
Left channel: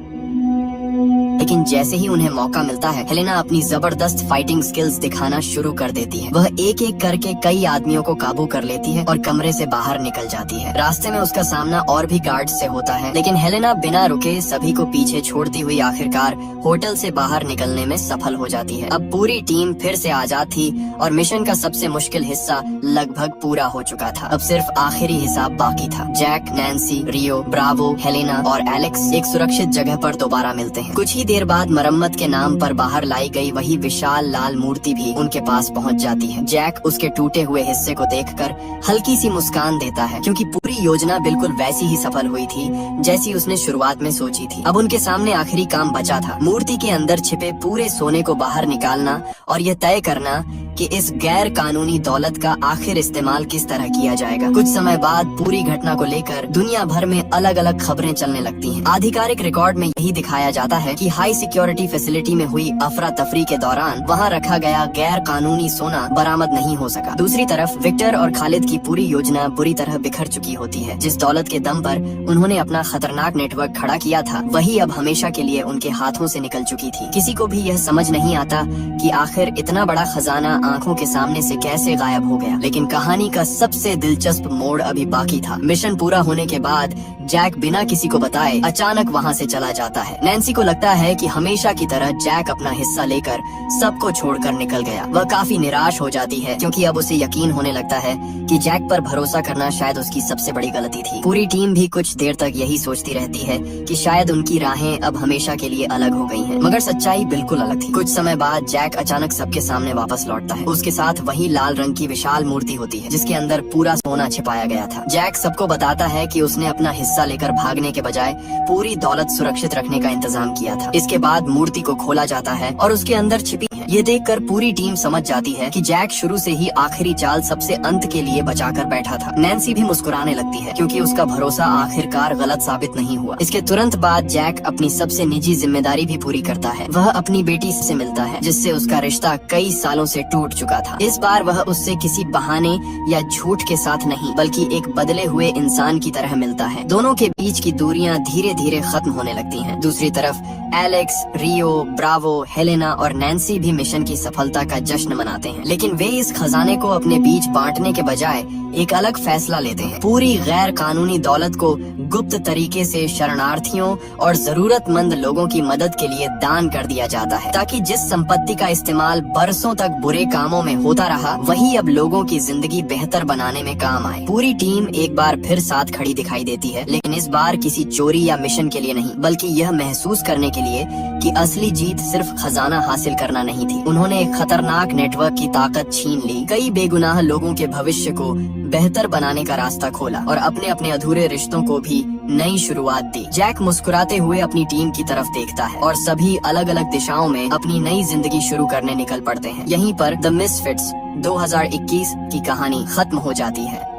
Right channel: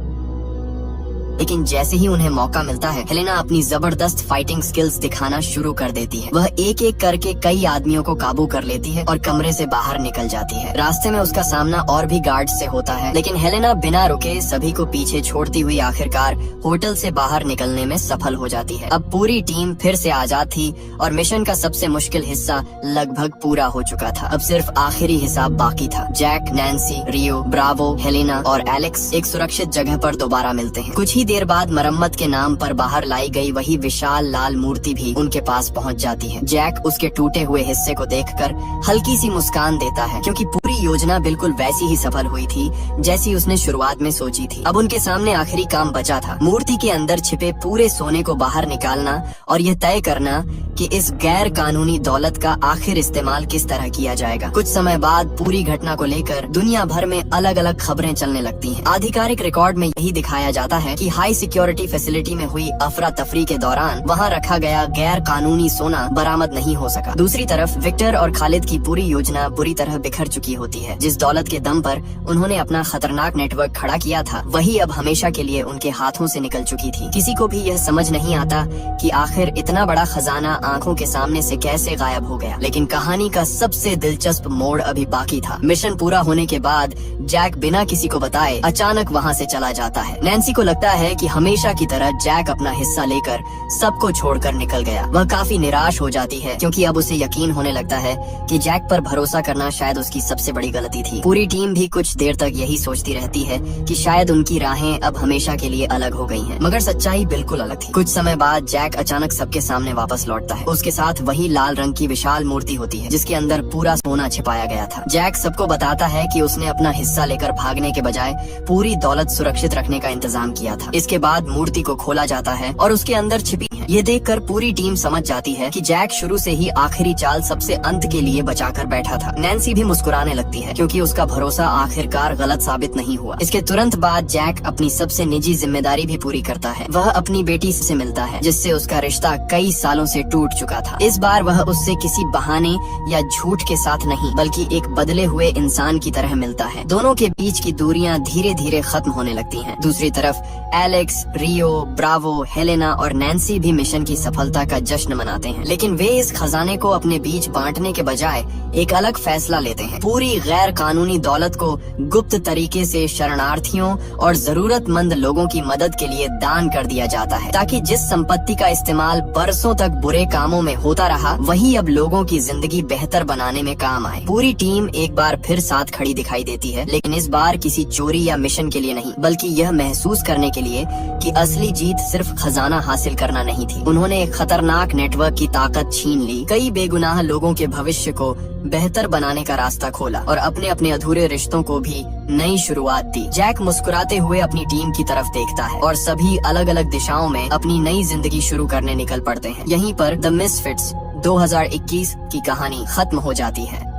लेकिन जैसे ही उन्हें मौका मिलता है, हेलेना अपनी जबरदस्त फाइटिंग स्किल्स दिखाना शुरू कर देती है। वह एक एक करके कई आदमियों को काबू कर लेती है और कमरे से बाहर निकल जाती है। रास्ते में उसका सामना और भी गार्ड्स से होता है, लेकिन हेलेना बिना रुके सभी को पीछे छोड़ती हुई आखिरकार होटल से बाहर निकलने में सफल हो जाती है। अब पूरी टीम फिर से आजाद थी और मिशन का सबसे मुश्किल हिस्सा लगभग पूरा हो चुका था। अब सिर्फ आखिरी हिसाब बाकी था। जैक, नैन्सी, रियो, ब्रावो, हेलेना और एलेक्स एक सुरक्षित जगह पर दोबारा मिलते हैं। कुछ ही देर बाद मरम्मत के नाम पर बाहर लाई गई वही विशाल लाल मूर्ति भी उनके पास पहुंच जाती है। जैक उसके टूटे हुए हिस्से को देखकर हल्की सी मुस्कान देता है, क्योंकि पूरी योजना बिल्कुल वैसी ही सफल हुई थी जैसी उसने शुरुआत में सोची थी। अब उनके सामने आखिरी काम बचा था, मूर्ति के अंदर छिपे पूरे सोने को बाहर निकालना और ये तय करना कि इस गैर कानूनी दौलत का आखिर इस्तेमाल किस तरह किया जाएगा। कुछ समय बाद पूरी घटना को लेकर दुनिया भर में अलग अलग खबरें चलने लगती हैं। आधिकारिक रिकॉर्ड में यही दिखाया जाता है कि हाई सिक्योरिटी फैसिलिटी में हुई अफरा तफरी के दौरान वहां रखा गया गैर कानूनी सोना बरामद नहीं हो सका। दूसरी तरफ विक्टर और खालिद की पूरी योजना बुरी तरह बिखर चुकी होती है। जिस दौलत के दम पर उन्होंने अपना खतरनाक नेटवर्क खड़ा किया था, वही अब हमेशा के लिए उनके हाथों से निकल चुकी थी। किसी को भी यह समझ नहीं आता कि आखिर इतना बड़ा खजाना आंखों के सामने से कैसे गायब हो गया। लेकिन कहानी का सबसे दिलचस्प मोड़ अभी बाकी था। मिशन पूरा होने के बाद जैक बिना किसी को बताए अचानक वहां से चला जाता है। नैन्सी को लगता है कि हमेशा की तरह जैक अपना हिस्सा लेकर सबको छोड़कर निकल गया। वह काफी निराश हो जाती है, क्योंकि अब उसे यकीन होने लगता है कि जैक पर भरोसा करना शायद उसकी सबसे बड़ी गलती थी। पूरी टीम भी कुछ देर तक यही सोचती रहती है कि शायद उनकी राहें अब हमेशा के लिए अलग हो गई हैं। मगर सच्चाई बिल्कुल अलग थी। कुछ समय बाद जैक अचानक सबके सामने वापस लौटता है। उसके साथ वही लाल रंग की विशाल मूर्ति होती है, जिसके अंदर पूरा सोना छिपाया गया था। जैक सबको बताता है कि उसने अपना हिस्सा लेकर भागने के बजाय पूरी दौलत सुरक्षित रखने का इंतजाम किया था। इसके बाद मूर्ति को खोला जाता है और उसके अंदर छिपी है। ये देखकर पूरी टीम समझ जाती है कि जैक शुरू से ही आखिरी चाल सबसे अंत के लिए बचाकर बैठा था। नैन्सी भी मुस्कुराने लगती है, क्योंकि उसका भरोसा आखिरकार गलत साबित नहीं हुआ। इसके तुरंत बाद जैक अपनी सबसे निजी जिम्मेदारी भी पूरी करता है। वह अपनी बेटी से मिलता है, जिससे उसका रिश्ता कई सालों से टूट चुका था। इस बार वह उससे किसी बहाने या झूठ के साथ नहीं, बल्कि एक बदले हुए इंसान की तरह मिलता है। दोनों के बीच की दूरियां धीरे धीरे खत्म होने लगती हैं। दूसरी तरफ एलेक्स, रियो, ब्रावो, हेलेना और नैन्सी भी मिशन की सफलता का जश्न मनाते हैं, लेकिन वे इस खजाने को अपने बीच बांटने के बजाय एक अलग फैसला लेते हैं। पूरी गैर कानूनी दौलत को गुप्त तरीके से शरणार्थियों और जरूरतमंद लोगों की मदद के लिए दान कर दिया जाता है, ताकि जिस संपत्ति का इस्तेमाल बरसों तक बुरे कामों में होता रहा, वही अब लोगों की जिंदगी बेहतर बनाने में काम आए। पूरी टीम एक बार फिर साथ खड़ी दिखाई देती है, लेकिन इस बार किसी चोरी या मिशन के लिए नहीं, बल्कि यह महसूस करने के लिए कि असली जीत सिर्फ खजाना हासिल करना नहीं थी। उन्होंने एक खतरनाक नेटवर्क की ताकत छीन ली, कई बेगुनाह लोगों के भविष्य को बेहतर बनाने का रास्ता खोला और अपने अपने अधूरे रिश्तों को भी नई शुरुआत दी। जैक मुस्कुराते हुए अपनी टीम की तरफ देखता है और सभी अलग अलग दिशाओं में अपनी नई जिंदगी शुरू करने निकल पड़ते हैं। यहीं पर द मिसफिट्स 2021 की कहानी खत्म हो जाती है।